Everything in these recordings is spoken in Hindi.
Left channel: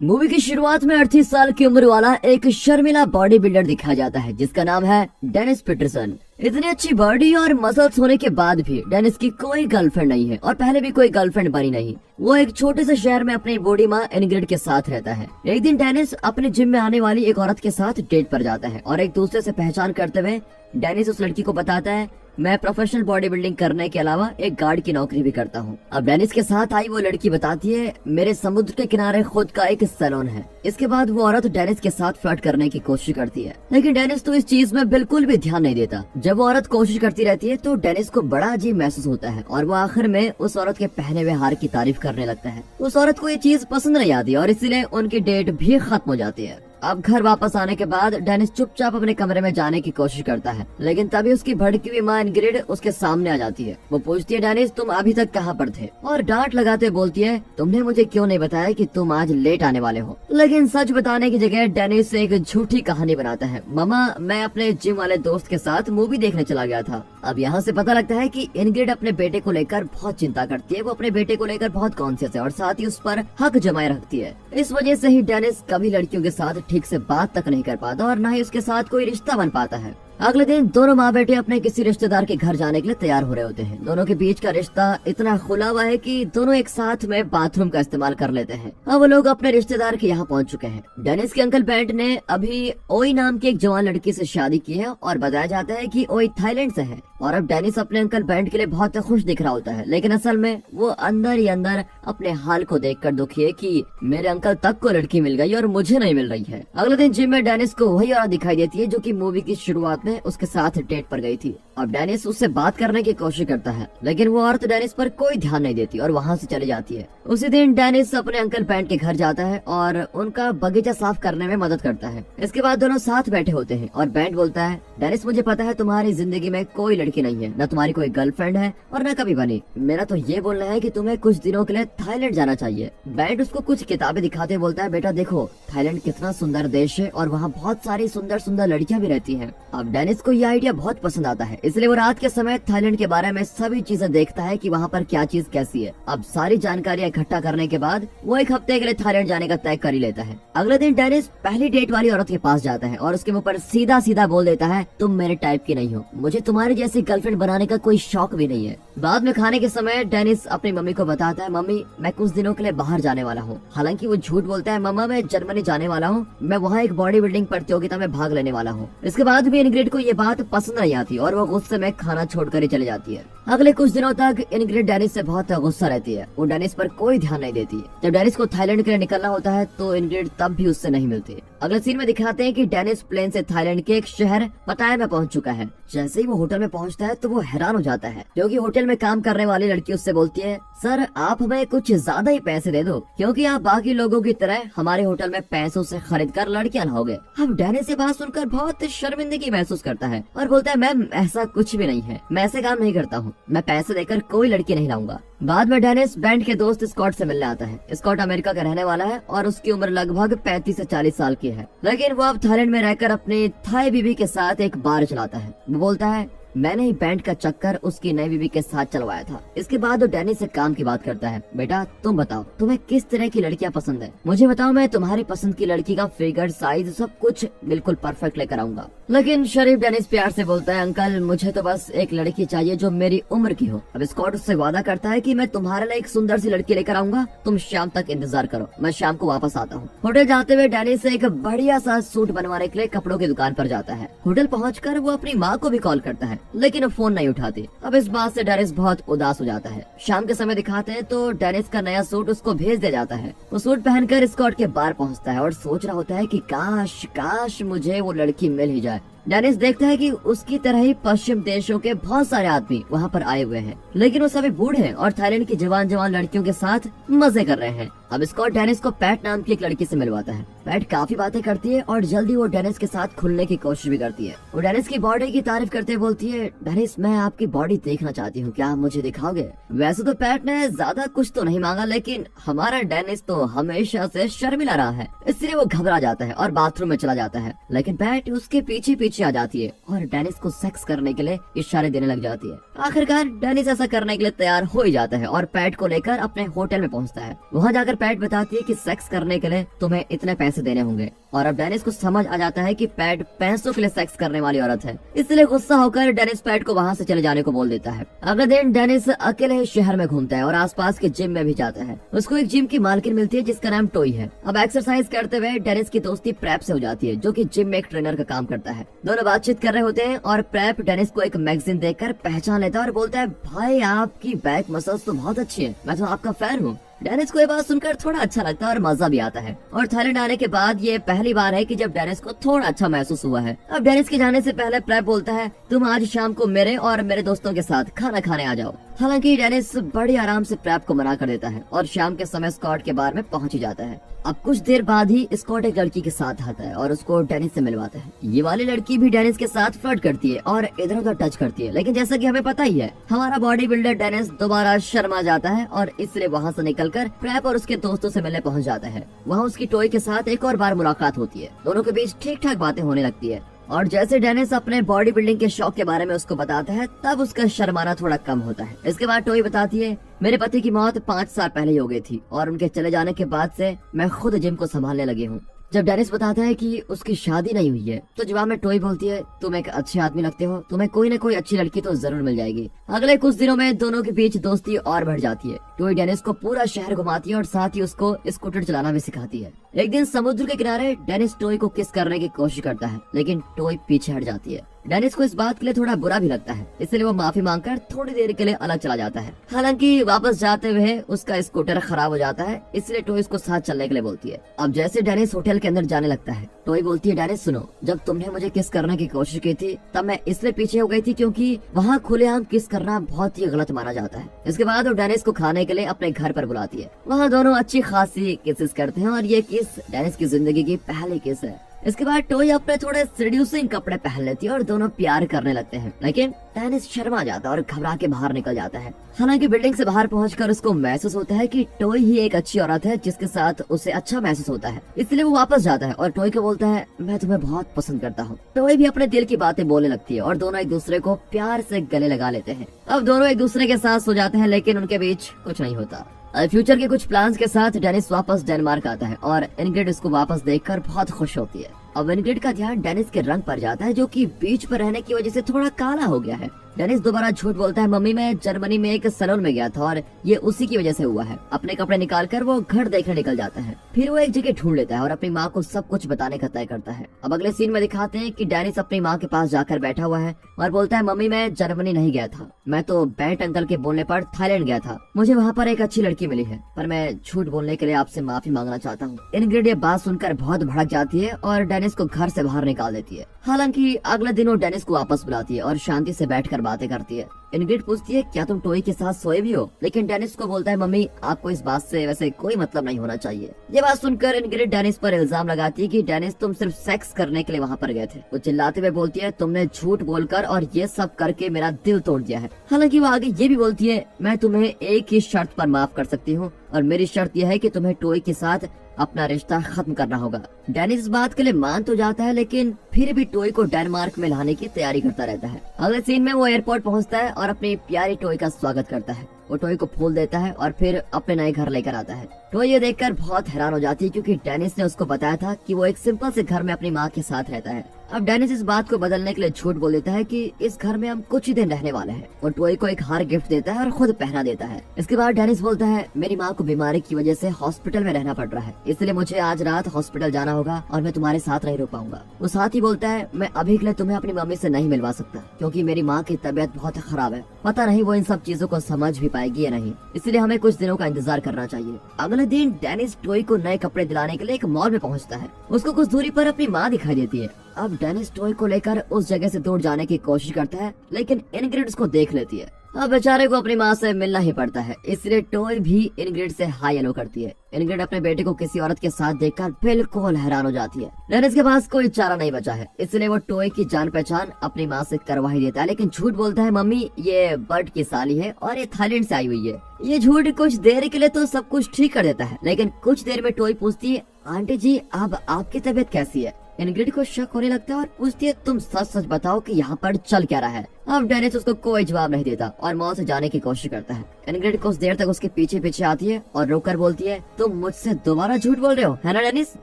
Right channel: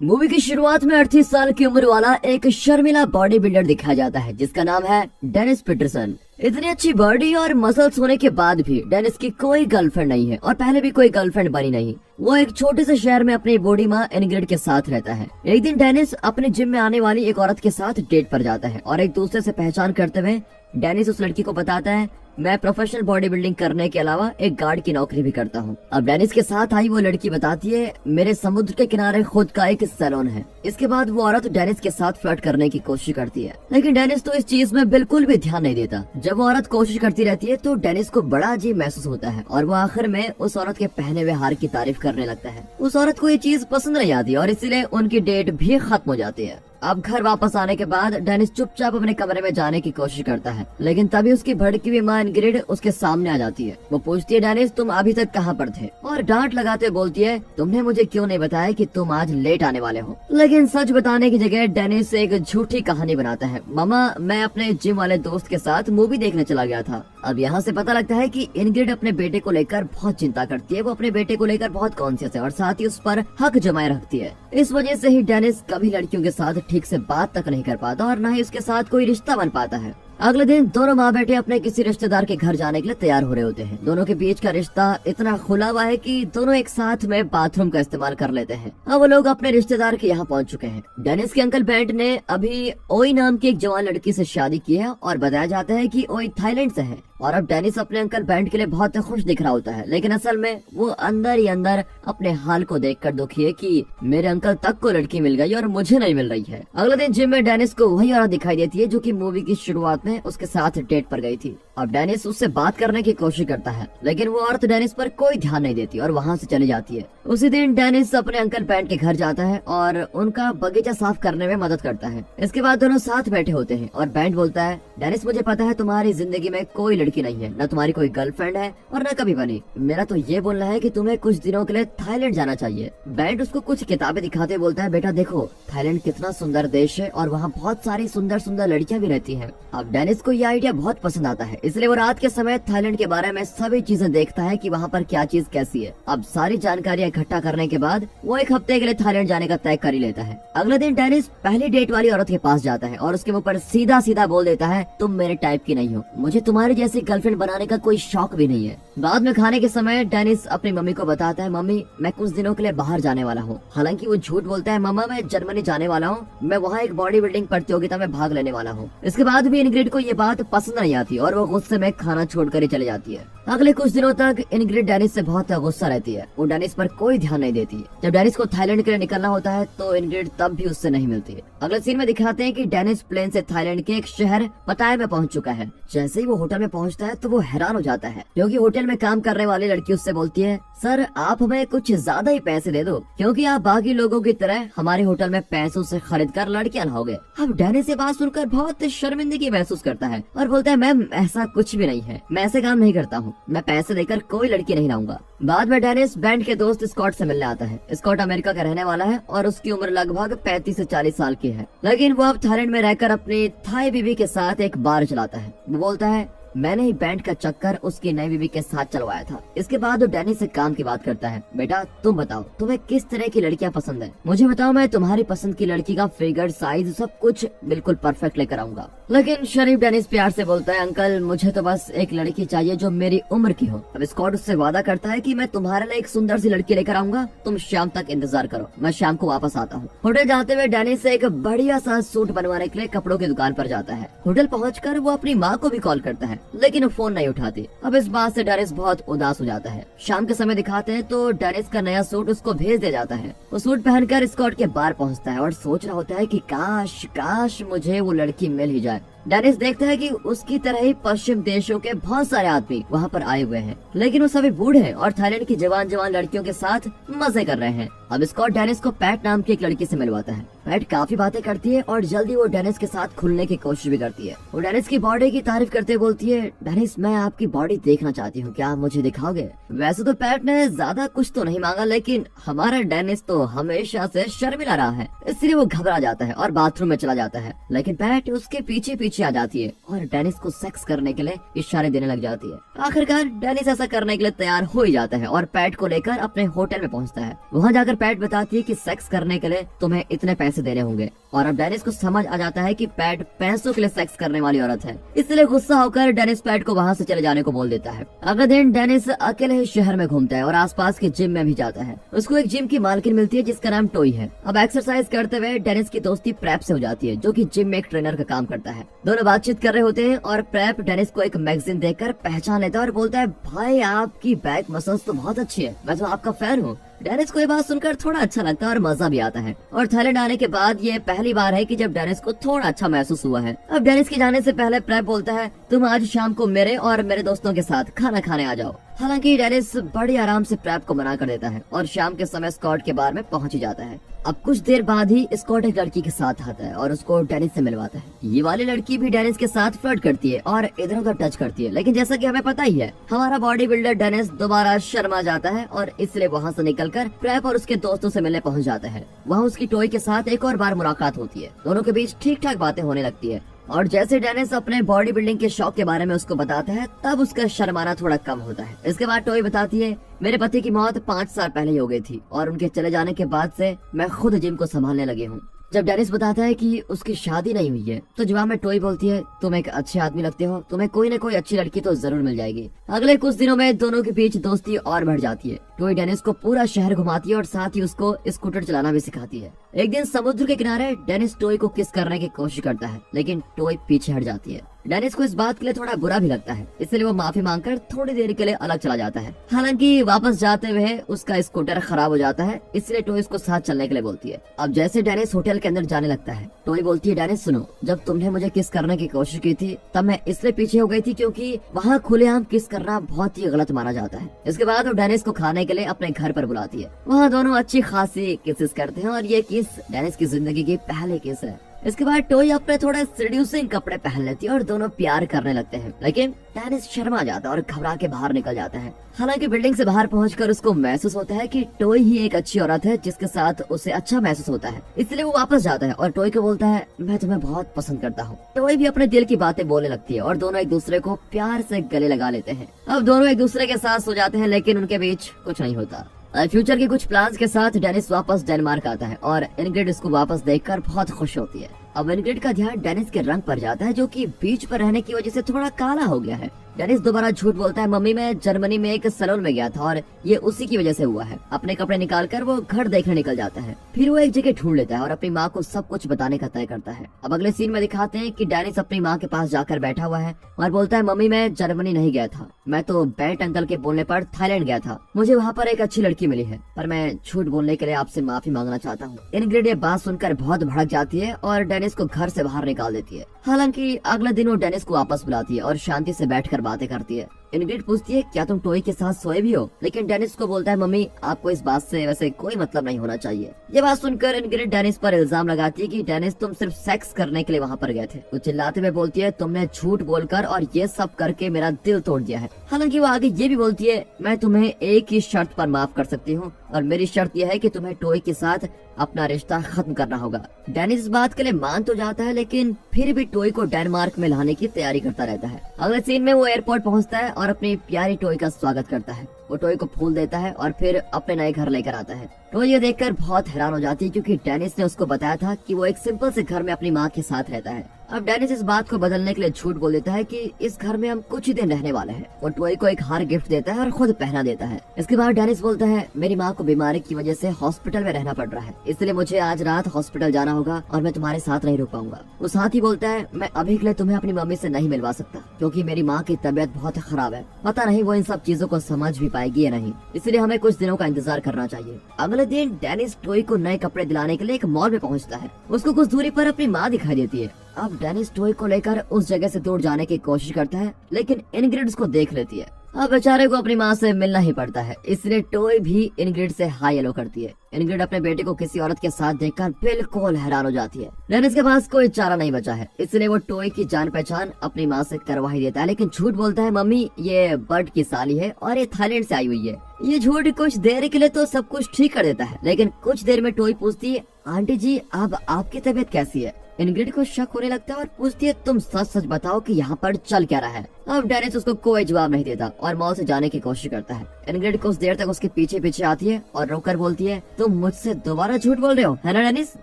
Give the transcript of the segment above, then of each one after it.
मूवी की शुरुआत में 38 साल की उम्र वाला एक शर्मिला बॉडी बिल्डर दिखाया जाता है जिसका नाम है डेनिस पीटरसन। इतनी अच्छी बॉडी और मसल्स होने के बाद भी डेनिस की कोई गर्लफ्रेंड नहीं है और पहले भी कोई गर्लफ्रेंड बनी नहीं। वो एक छोटे से शहर में अपनी बूढ़ी माँ इनग्रिड के साथ रहता है। एक दिन डेनिस अपने जिम में आने वाली एक औरत के साथ डेट पर जाता है और एक दूसरे से पहचान करते हुए डेनिस उस लड़की को बताता है, मैं प्रोफेशनल बॉडी बिल्डिंग करने के अलावा एक गार्ड की नौकरी भी करता हूँ। अब डेनिस के साथ आई वो लड़की बताती है, मेरे समुद्र के किनारे खुद का एक सैलून है। इसके बाद वो औरत डेनिस के साथ फ्लर्ट करने की कोशिश करती है, लेकिन डेनिस तो इस चीज में बिल्कुल भी ध्यान नहीं देता। जब वो औरत कोशिश करती रहती है तो डेनिस को बड़ा अजीब महसूस होता है और वो आखिर में उस औरत के पहने हुए हार की तारीफ करने लगता है। उस औरत को ये चीज पसंद नहीं आती और इसीलिए उनकी डेट भी खत्म हो जाती है। अब घर वापस आने के बाद डेनिस चुपचाप अपने कमरे में जाने की कोशिश करता है, लेकिन तभी उसकी भड़की हुई माँ इनग्रिड उसके सामने आ जाती है। वो पूछती है, डेनिस तुम अभी तक कहाँ पर थे? और डांट लगाते बोलती है, तुमने मुझे क्यों नहीं बताया कि तुम आज लेट आने वाले हो? लेकिन सच बताने की जगह डेनिस एक झूठी कहानी बनाता है, मामा मैं अपने जिम वाले दोस्त के साथ मूवी देखने चला गया था। अब यहाँ से पता लगता है कि इनग्रिड अपने बेटे को लेकर बहुत चिंता करती है। वो अपने बेटे को लेकर बहुत कॉन्शियस है और साथ ही उस पर हक जमाए रखती है। इस वजह से ही डेनिस कभी लड़कियों के साथ ठीक से बात तक नहीं कर पाता और न ही उसके साथ कोई रिश्ता बन पाता है। अगले दिन दोनों माँ बेटे अपने किसी रिश्तेदार के घर जाने के लिए तैयार हो रहे होते हैं। दोनों के बीच का रिश्ता इतना खुला हुआ है कि दोनों एक साथ में बाथरूम का इस्तेमाल कर लेते हैं। अब वो लोग अपने रिश्तेदार के यहाँ पहुँच चुके हैं। डेनिस के अंकल बेंट ने अभी ओई नाम की एक जवान लड़की से शादी की है और बताया जाता है कि ओई थाईलैंड से है। और अब डेनिस अपने अंकल बेंट के लिए बहुत खुश दिख रहा होता है, लेकिन असल में वो अंदर ही अंदर अपने हाल को देखकर दुखी है कि मेरे अंकल तक को लड़की मिल गई और मुझे नहीं मिल रही है। अगले दिन जिम में डेनिस को वही औरत दिखाई देती है जो कि मूवी की शुरुआत में उसके साथ डेट पर गई थी। अब डेनिस उससे बात करने की कोशिश करता है, लेकिन वो औरत डेनिस पर कोई ध्यान नहीं देती और वहाँ से चली जाती है। उसी दिन डेनिस अपने अंकल बेंट के घर जाता है और उनका बगीचा साफ करने में मदद करता है। इसके बाद दोनों साथ बैठे होते हैं और बेंट बोलता है, डेनिस मुझे पता है तुम्हारी जिंदगी में कोई लड़की नहीं है, न तुम्हारी कोई गर्लफ्रेंड है और न कभी बनी। मेरा तो ये बोलना है कि तुम्हें कुछ दिनों के लिए थाईलैंड जाना चाहिए। बेंट उसको कुछ किताबें दिखाते बोलता है, बेटा देखो थाईलैंड कितना सुंदर देश है और वहाँ बहुत सारी सुंदर सुंदर लड़कियाँ भी रहती हैं। अब डेनिस को ये आइडिया बहुत पसंद आता है, इसलिए वो रात के समय थाईलैंड के बारे में सभी चीजें देखता है कि वहाँ पर क्या चीज कैसी है। अब सारी जानकारियाँ इकट्ठा करने के बाद वो एक हफ्ते के लिए थाईलैंड जाने का तय कर ही लेता है। अगले दिन डेनिस पहली डेट वाली औरत के पास जाता है और उसके मुंह पर सीधा सीधा बोल देता है, तुम मेरे टाइप की नहीं हो, मुझे तुम्हारे जैसी गर्लफ्रेंड बनाने का कोई शौक भी नहीं है। बाद में खाने के समय डेनिस अपनी मम्मी को बताता है, मम्मी मैं कुछ दिनों के लिए बाहर जाने वाला हूँ। हालांकि वो झूठ बोलता है, मम्मा मैं जर्मनी जाने वाला हूँ, मैं वहाँ एक बॉडी बिल्डिंग प्रतियोगिता में भाग लेने वाला हूँ। इसके बाद भी इनग्रिड को ये बात पसंद नहीं आती और वो गुस्से में खाना छोड़कर ही चली जाती है। अगले कुछ दिनों तक इनग्रिड डेनिस से बहुत गुस्सा रहती है। वो डेनिस पर कोई ध्यान नहीं देती। जब डेनिस को थाईलैंड के लिए निकलना होता है तो इनग्रिड तब भी उससे नहीं मिलती। अगले सीन में दिखाते हैं कि डेनिस प्लेन से थाईलैंड के एक शहर पटाया में पहुंच चुका है। जैसे ही वो होटल में पहुंचता है तो वो हैरान हो जाता है, क्योंकि होटल में काम करने वाली लड़की उससे बोलती है, सर आप हमें कुछ ज्यादा ही पैसे दे दो, क्योंकि आप बाकी लोगों की तरह हमारे होटल में पैसों से खरीद कर लड़कियां न हो गए। अब डेनिस ये बात सुनकर बहुत शर्मिंदगी महसूस करता है और बोलता है, मैम ऐसा कुछ भी नहीं है, मैं ऐसे काम नहीं करता हूँ, मैं पैसे देकर कोई लड़की नहीं लाऊंगा। बाद में डेनिस बैंड के दोस्त स्कॉट से मिलने आता है। स्कॉट अमेरिका का रहने वाला है और उसकी उम्र लगभग 35 से 40 साल की है, लेकिन वो अब थाईलैंड में रहकर अपनी थाई बीवी के साथ एक बार चलाता है। वो बोलता है, मैंने ही बैंड का चक्कर उसकी नई बीवी के साथ चलवाया था। इसके बाद वो डेनिस से काम की बात करता है, बेटा तुम बताओ तुम्हें किस तरह की लड़कियां पसंद है, मुझे बताओ, मैं तुम्हारी पसंद की लड़की का फिगर साइज सब कुछ बिल्कुल परफेक्ट लेकर आऊंगा। लेकिन शरीफ डेनिस प्यार से बोलता है, अंकल मुझे तो बस एक लड़की चाहिए जो मेरी उम्र की हो। अब स्कॉट उससे वादा करता है कि मैं तुम्हारे लिए एक सुंदर सी लड़की लेकर आऊंगा, तुम शाम तक इंतजार करो, मैं शाम को वापस आता हूँ। होटल जाते हुए डेनिस एक बढ़िया सा सूट बनवाने के लिए कपड़ों की दुकान पर जाता है। होटल पहुँचकर वो अपनी माँ को भी कॉल करता है, लेकिन वो फोन नहीं उठाती। अब इस बात से डेनिस बहुत उदास हो जाता है। शाम के समय दिखाते हैं तो डेनिस का नया सूट उसको भेज दिया जाता है। वो सूट पहनकर स्कॉट के बार पहुंचता है और सोच रहा होता है कि काश काश मुझे वो लड़की मिल ही जाए। डेनिस देखता है कि उसकी तरह ही पश्चिम देशों के बहुत सारे आदमी वहाँ पर आए हुए हैं, लेकिन वो सभी बूढ़े हैं और थाईलैंड की जवान जवान लड़कियों के साथ मजे कर रहे हैं। अब स्कॉट डेनिस को पैट नाम की एक लड़की से मिलवाता है। पैट काफी बातें करती है और जल्दी वो डेनिस के साथ खुलने की कोशिश भी करती है। वो डेनिस की बॉडी की तारीफ करते बोलती है, डेनिस मैं आपकी बॉडी देखना चाहती हूँ, क्या आप मुझे दिखाओगे? वैसे तो पैट ने ज्यादा कुछ तो नहीं मांगा, लेकिन हमारा डेनिस तो हमेशा से शर्मिला रहा है, इसलिए वो घबरा जाता है और बाथरूम में चला जाता है। लेकिन पैट उसके पीछे पीछे पीछे आ जाती है और डेनिस को सेक्स करने के लिए इशारे देने लग जाती है। आखिरकार डेनिस ऐसा करने के लिए तैयार हो ही जाता है और पैट को लेकर अपने होटल में पहुंचता है। वहां जाकर पैट बताती है कि सेक्स करने के लिए तुम्हें इतने पैसे देने होंगे और अब डेनिस को समझ आ जाता है कि पैट पैसों के लिए सेक्स करने वाली औरत है। इसलिए गुस्सा होकर डेनिस पैट को वहां से चले जाने को बोल देता है। अगले दिन डेनिस अकेले शहर में घूमता है और आसपास के जिम में भी जाता है। उसको एक जिम की मालकिन मिलती है जिसका नाम टोई है। अब एक्सरसाइज करते हुए डेनिस की दोस्ती प्रेप से हो जाती है जो कि जिम में एक ट्रेनर का काम करता है। दोनों बातचीत कर रहे होते हैं और प्रेप डेनिस को एक मैगजीन देखकर पहचान लेता है और बोलता है, भाई आपकी बैक मसल्स तो बहुत अच्छी है, मैं तो आपका फैन हूँ। डेनिस को ये बात सुनकर थोड़ा अच्छा लगता है और मजा भी आता है। और थाईलैंड आने के बाद ये पहली बार है कि जब डेनिस को थोड़ा अच्छा महसूस हुआ है। अब डेनिस के जाने से पहले प्रेप बोलता है, तुम आज शाम को मेरे और मेरे दोस्तों के साथ खाना खाने आ जाओ। हालांकि डेनिस बड़ी आराम से प्रेप को मना कर देता है और शाम के समय स्कॉट के बार में पहुंच ही जाता है। अब कुछ देर बाद ही स्कॉट एक लड़की के साथ आता है और उसको डेनिस से मिलवाता है। ये वाली लड़की भी डेनिस के साथ फ्लर्ट करती है और इधर उधर टच करती है, लेकिन जैसा कि हमें पता ही है हमारा बॉडी बिल्डर डेनिस दोबारा शर्मा जाता है और इसलिए वहाँ से निकलकर प्रेप और उसके दोस्तों से मिलने पहुंच जाता है। वहाँ उसकी टॉय के साथ एक और बार मुलाकात होती है। दोनों के बीच ठीक ठाक बातें होने लगती है और जैसे डेनिस अपने बॉडी बिल्डिंग के शौक के बारे में उसको बताता है तब उसका शर्माना थोड़ा कम होता है। इसके बाद टोई बताती है, मेरे पति की मौत 5 साल पहले ही हो गई थी और उनके चले जाने के बाद से मैं खुद जिम को संभालने लगी हूँ। जब डेनिस बताता है कि उसकी शादी नहीं हुई है तो जवाब में टोई बोलती है, तुम एक अच्छे आदमी लगते हो, तुम्हें कोई न कोई अच्छी लड़की तो जरूर मिल जाएगी। अगले कुछ दिनों में दोनों के बीच दोस्ती और बढ़ जाती है। टोई डेनिस को पूरा शहर घुमाती है और साथ ही उसको स्कूटर चलाना भी सिखाती है। एक दिन समुद्र के किनारे डेनिस टोई को किस करने की कोशिश करता है, लेकिन टोई पीछे हट जाती है। डेनिस को इस बात के लिए थोड़ा बुरा भी लगता है, इसलिए वो माफी मांगकर थोड़ी देर के लिए अलग चला जाता है। हालांकि वापस जाते हुए उसका स्कूटर खराब हो जाता है, इसलिए टोई उसको साथ चलने के लिए बोलती है। अब जैसे डेनिस होटल के अंदर जाने लगता है, टोई बोलती है, डेनिस सुनो, जब तुमने मुझे किस करने की कोशिश की थी तब मैं इसलिए पीछे हो गई थी क्योंकि वहाँ खुलेआम किस करना बहुत ही गलत माना जाता है। इसके बाद वो डेनिस को खाने के लिए अपने घर पर बुलाती है। वहाँ दोनों अच्छी खासी किसेस करते हैं और ये किस डेनिस की जिंदगी की पहली किस है। इसके बाद टोई अपने थोड़े सीड्यूसिंग कपड़े पहन लेती है और दोनों प्यार करने लगते हैं, लेकिन डेनिस शर्मा जाता है और घबरा के बाहर निकल जाता है। हालांकि बिल्डिंग से बाहर पहुंचकर उसको महसूस होता है कि टोई ही एक अच्छी औरत है जिसके साथ उसे अच्छा महसूस होता है, इसलिए वो वापस जाता है और टोई को बोलता है, मैं तुम्हें बहुत पसंद करता हूँ। टोई भी अपने दिल की बातें बोलने लगती है और दोनों एक दूसरे को प्यार से गले लगा लेते हैं। अब दोनों एक दूसरे के साथ सो जाते हैं, लेकिन उनके बीच कुछ नहीं होता। फ्यूचर के कुछ प्लान्स के साथ डेनिस वापस डेनमार्क आता है और इनग्रिड उसको वापस देखकर बहुत खुश होती है। अब इनग्रिड का ध्यान डेनिस के रंग पर जाता है जो कि बीच पर रहने की वजह से थोड़ा काला हो गया है। डेनिस दोबारा झूठ बोलता है, मम्मी मैं जर्मनी में एक सैलून में गया था और ये उसी की वजह से हुआ है। अपने कपड़े निकालकर वो घर देखने निकल जाता है। फिर वो एक जगह ढूंढ लेता है और अपनी माँ को सब कुछ बताने का तय करता है। अब अगले सीन में दिखाते हैं कि डेनिस अपनी माँ के पास जाकर बैठा हुआ है और बोलता है, मम्मी मैं जर्मनी नहीं गया था, मैं तो बैंट अंकल के बोलने पर थाईलैंड गया था। मुझे वहाँ पर एक अच्छी लड़की मिली है, पर मैं झूठ बोलने के लिए आपसे माफी मांगना चाहता हूँ। इनग्रिड ये बात सुनकर बहुत भड़क जाती है और डेनिस को घर से बाहर निकाल देती है। हालांकि अगले दिन वो डेनिस को वापस बुलाती है और शांति से बैठकर बातें करती है। इनग्रिड पूछती है, क्या तुम टोई के साथ सोए भी हो? लेकिन डेनिस को बोलता है, मम्मी आपको इस बात से वैसे कोई मतलब नहीं होना चाहिए। ये बात सुनकर इनग्रिड डेनिस पर इल्जाम लगाती है कि डेनिस तुम सिर्फ सेक्स करने के लिए वहाँ पर गए थे। वो चिल्लाते हुए बोलती है, तुमने झूठ बोलकर और ये सब करके मेरा दिल तोड़ दिया है। हालांकि वो आगे ये भी बोलती है, मैं तुम्हें एक ही शर्त पर माफ कर सकती हूँ और मेरी शर्त यह है कि तुम्हें टोई के साथ अपना रिश्ता खत्म करना होगा। डेनिस इस बात के लिए मान तो जाता है, लेकिन फिर भी टोई को डेनमार्क में लाने की तैयारी करता रहता है। अगले सीन में वो एयरपोर्ट पहुंचता है और अपनी प्यारी टोई का स्वागत करता है। वो टोई को फूल देता है और फिर अपने नए घर लेकर आता है। टोई ये देखकर बहुत हैरान हो जाती है क्योंकि डेनिस ने उसको बताया था कि वो एक सिंपल से घर में अपनी माँ के साथ रहता है। अब डेनिस इस बात को बदलने के लिए झूठ बोल देता है कि इस घर में हम कुछ ही दिन रहने वाले हैं। वो टोई को एक हार गिफ्ट देता है और खुद पहना देता है। इसके बाद डेनिस बोलता है, मेरी माँ को बीमारी की वजह से हॉस्पिटल में रहना पड़ रहा है, इसलिए मुझे आज रात हॉस्पिटल जाना होगा और मैं तुम्हारे साथ नहीं रुक पाऊंगा। वो साथ ही बोलता है, मैं अभी के लिए तुम्हें अपनी मम्मी से नहीं मिलवा सकता क्योंकि मेरी माँ की तबीयत बहुत खराब है। पता नहीं वो इन सब चीजों को समझ भी पाएगी या नहीं, इसलिए हमें कुछ दिनों का इंतजार करना चाहिए। अगले दिन डेनिस टोई को नए कपड़े दिलाने के लिए एक मॉल में पहुंचता है। उसको कुछ दूरी पर अपनी माँ दिखाई देती है। अब डेनिस टोई को लेकर उस जगह से दूर जाने की कोशिश करता है, लेकिन इनग्रिड उसको देख लेती है। अब बेचारे को अपनी माँ से मिलना ही पड़ता है, इसलिए टोई भी इनग्रिड से हाई हेलो करती है। इनग्रिड अपने बेटे को किसी औरत के साथ देखकर बिल्कुल हैरान हो जाती है। डेनिस के पास कोई चारा नहीं बचा है, इसलिए वो टोई की जान पहचान अपनी माँ से करवा ही देता है, लेकिन झूठ बोलता है, मम्मी ये बर्ड की साली है और ये थाईलैंड से आई हुई है। ये झूठ कुछ देर के लिए तो सब कुछ ठीक कर देता है, लेकिन कुछ देर में टोई पूछती है, आंटी जी अब आपकी तबीयत कैसी है? इनग्रिड को शक होने लगता है और पूछती है तुम सच सच बताओ कि यहाँ पर चल क्या रहा है। अब डेनिस उसको कोई जवाब नहीं देता और मॉल से जाने की कोशिश करता है। इनग्रिड कुछ देर तक उसके पीछे पीछे आती है और रोककर बोलती है तुम मुझसे दोबारा झूठ बोल रहे हो, है ना डेनिस?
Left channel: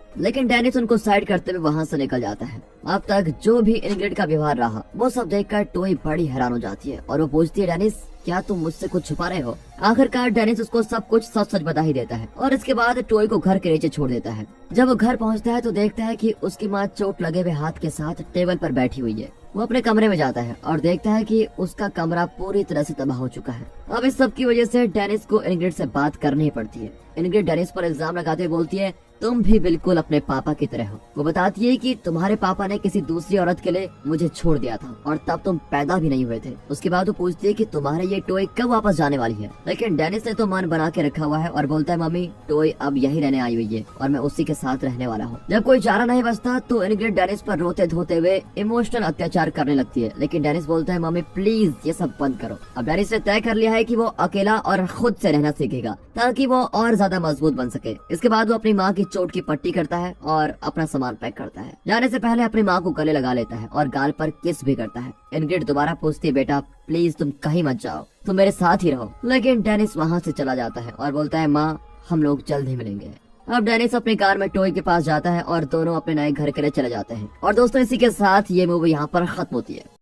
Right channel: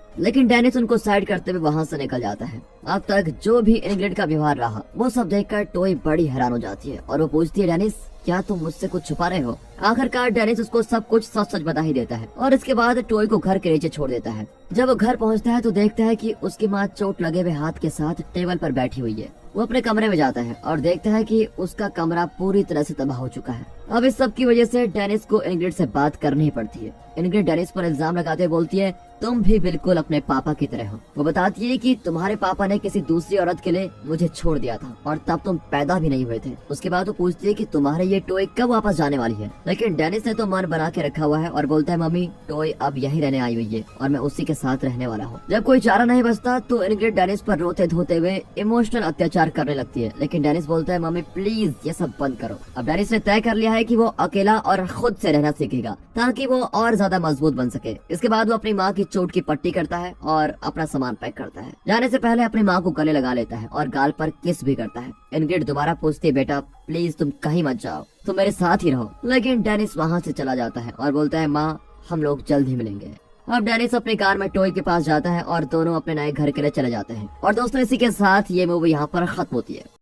लेकिन डेनिस उनको साइड करते हुए वहाँ से निकल जाता है। अब तक जो भी इनग्रिड का व्यवहार रहा वो सब देखकर टोई बड़ी हैरान हो जाती है और वो पूछती है डेनिस क्या तुम मुझसे कुछ छुपा रहे हो? आखिरकार डेनिस उसको सब कुछ सच सच बता ही देता है और इसके बाद टोई को घर के नीचे छोड़ देता है। जब वो घर पहुंचता है तो देखता है कि उसकी माँ चोट लगे हुए हाथ के साथ टेबल पर बैठी हुई है। वो अपने कमरे में जाता है और देखता है कि उसका कमरा पूरी तरह से तबाह हो चुका है। अब इस सब की वजह से डेनिस को इनग्रिड से बात करनी पड़ती है। इनग्रिड डेनिस पर इल्जाम लगाते हुए बोलती है तुम भी बिल्कुल अपने पापा की तरह हो। वो बताती है कि तुम्हारे पापा ने किसी दूसरी औरत के लिए मुझे छोड़ दिया था और तब तुम पैदा भी नहीं हुए थे। उसके बाद वो पूछती है कि तुम्हारे ये टॉय कब वापस जाने वाली है। लेकिन डेनिस ने तो मन बना के रखा हुआ है और बोलता है मम्मी टॉय अब यही रहने आई हुई है और मैं उसी के साथ रहने वाला हूँ। जब कोई चारा नहीं बचता तो इनग्रिड डेनिस पर रोते धोते हुए इमोशनल अत्याचार करने लगती है। लेकिन डेनिस बोलता है मम्मी प्लीज ये सब बंद करो। अब डेनिस ने तय कर लिया है कि वो अकेला और खुद से रहना सीखेगा ताकि वो और ज्यादा मजबूत बन सके। इसके बाद वो अपनी माँ की चोट की पट्टी करता है और अपना सामान पैक करता है। जाने से पहले अपनी माँ को गले लगा लेता है और गाल पर किस भी करता है। इनग्रिड दोबारा पूछती है बेटा प्लीज तुम कहीं मत जाओ, तुम मेरे साथ ही रहो। लेकिन डेनिस वहाँ से चला जाता है और बोलता है माँ हम लोग जल्द ही मिलेंगे। अब डेनिस अपनी कार में टॉय के पास जाता है और दोनों अपने नए घर के लिए चले जाते हैं। और दोस्तों इसी के साथ ये मूवी यहाँ पर खत्म होती है।